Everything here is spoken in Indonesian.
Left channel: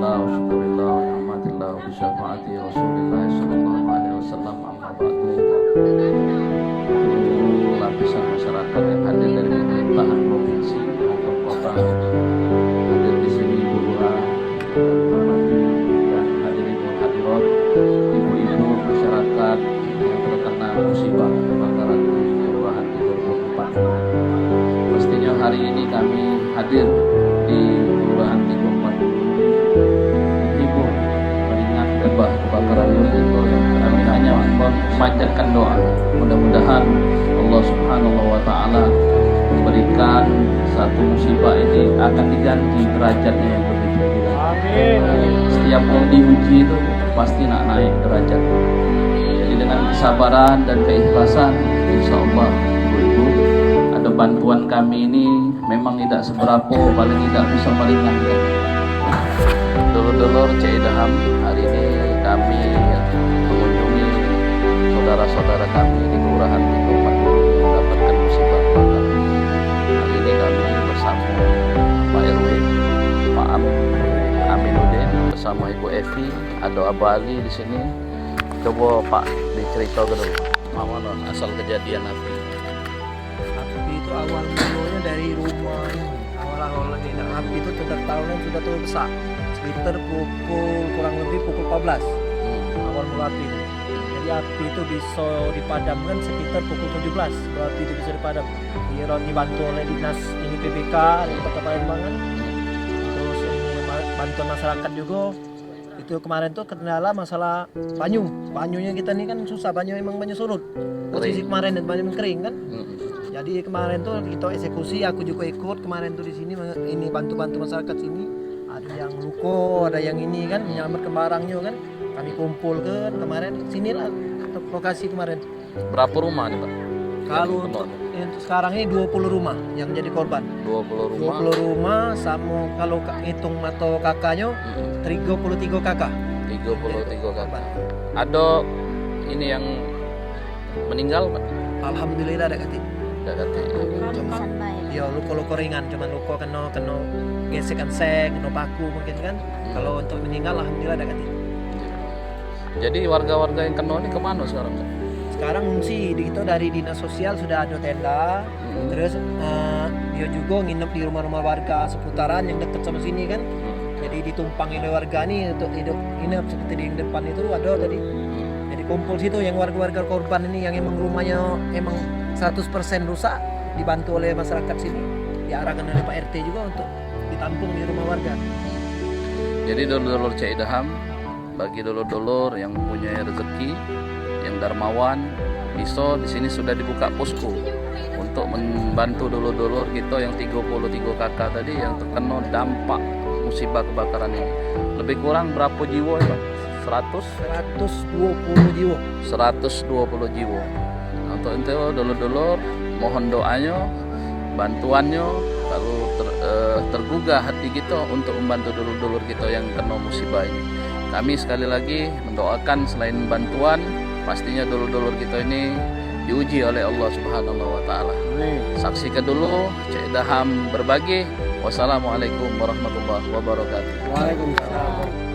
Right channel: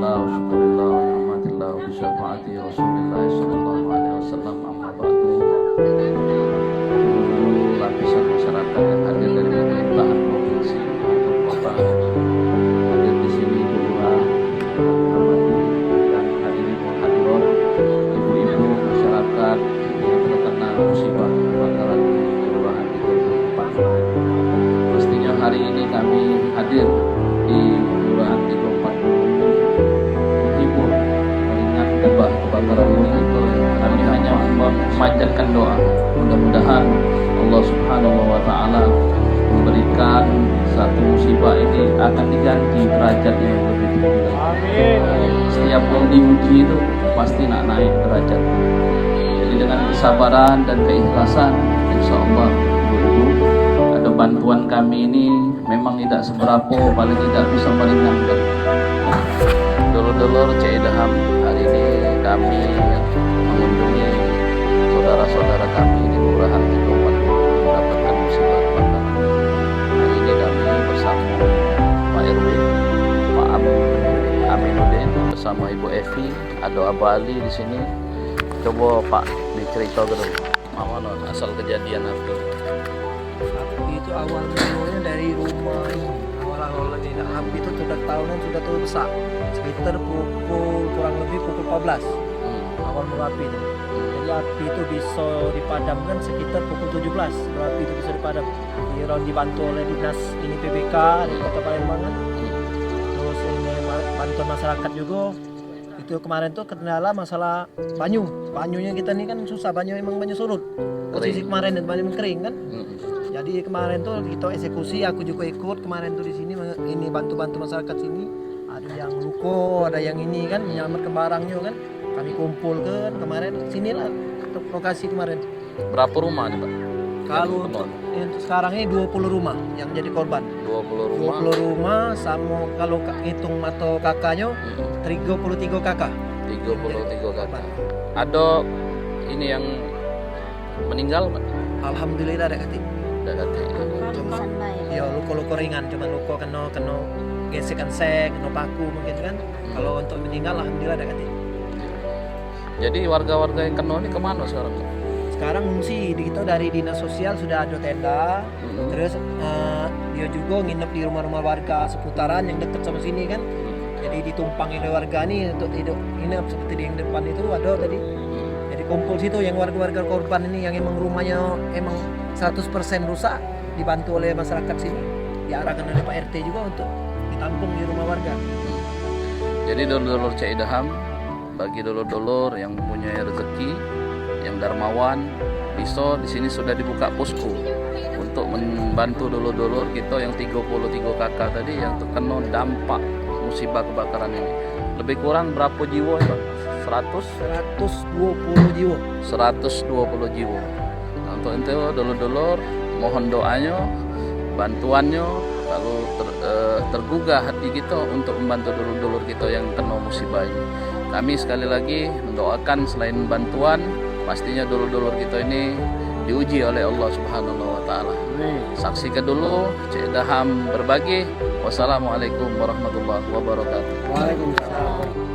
Alhamdulillah wa syukurillah wa ni'matillah wa bisyafaati Rasulillah sallallahu alaihi wasallam, amma ba'du. Seluruh lapisan masyarakat yang hadir dari pemerintahan provinsi atau kota hadir di sini, Bu Lurah, dan hadirin wal hadirat, ibu-ibu masyarakat yang terkena musibah kebakaran di Kelurahan Tiga Puluh Empat kemarin. Pastinya hari ini kami hadir di Kelurahan 340 ini menghibur, meringankan kebakaran itu. Yang kami hanya memanjatkan doa, mudah-mudahan Allah Subhanahu wa Ta'ala memberikan satu musibah ini akan diganti derajatnya yang lebih tinggi lagi. Amin. Setiap yang diuji itu pasti nak naik derajat. Jadi dengan kesabaran dan keikhlasan, insya Allah ibu-ibu, ada bantuan kami ini memang tidak seberapa, paling tidak bisa meringankan. Dulur-dulur Cik Idham, hari ini kami mengunjungi saudara-saudara kami di Kelurahan 340 yang mendapatkan musibah kebakaran. Hari ini kami bersama Pak RW, Pak Aminuddin, bersama Ibu Evi, ada Abah Ali di sini. Coba Pak diceritakan dulu, mana asal kejadian api? Api itu awal mulanya dari rumah ini. Awal ini api itu sudah tahunan sudah tuh besar. Sekitar kurang lebih pukul 14. Awal mula api itu. Jadi api itu bisa dipadamkan sekitar pukul 17. Api itu bisa dipadam. Dibantu oleh dinas ini PBK dari Kota Palembang. Terus ini bantuan masyarakat juga. Itu kemarin tuh kendala masalah banyunya kita nih kan susah, emang banyu surut posisi kemarin dan banyu kering kan. Jadi kemarin tuh kita eksekusi, aku juga ikut kemarin tuh di sini ini bantu masyarakat sini, ada yang luko, ada yang ini kan menyelamatkan barangnya kan, kami kumpulkan kemarin sinilah lokasi kemarin. Berapa rumah nih Pak? Kalau untuk sekarang ini 20 rumah yang jadi korban. 20 rumah sama kalau hitung atau kakaknya 33 kakak. 33 kakak. Ada ini yang meninggal Pak? Alhamdulillah ada kati. Ya luka-luka ringan, cuma luka kena gesekan seng, kena paku mungkin kan. Kalau untuk meninggal alhamdulillah ada kati. Jadi warga-warga yang kena ini kemana sekarang Pak? Sekarang ngungsi di kita dari dinas sosial sudah ada tenda. Terus dia juga nginep di rumah-rumah warga seputaran yang dekat sama sini kan. Jadi ditumpangi oleh warga nih untuk hidup nginep seperti di yang depan itu ada tadi. Jadi kumpul situ yang warga-warga korban ini yang emang rumahnya emang 100% rusak, dibantu oleh masyarakat sini, diarahkan oleh Pak RT juga untuk ditampung di rumah warga. Jadi dulur-dulur Cik Idham, bagi dulur-dulur yang mempunyai rezeki, yang dermawan, bisa di sini sudah dibuka posko untuk membantu dulur-dulur kita yang 33 kakak tadi yang terkena dampak musibah kebakaran ini. Lebih kurang berapa jiwa ya Pak? 120 jiwa. 120 jiwa. Nah, untuk itu dulur-dulur mohon doanya, bantuannya kalau tergugah hati kita untuk membantu dulur-dulur kita yang kena musibah ini. Kami sekali lagi mendoakan selain bantuan, pastinya dulur-dulur kita ini diuji oleh Allah Subhanahu wa Ta'ala. Saksikan dulu Cik Idham berbagi. Wassalamualaikum warahmatullahi wabarakatuh. Waalaikumsalam.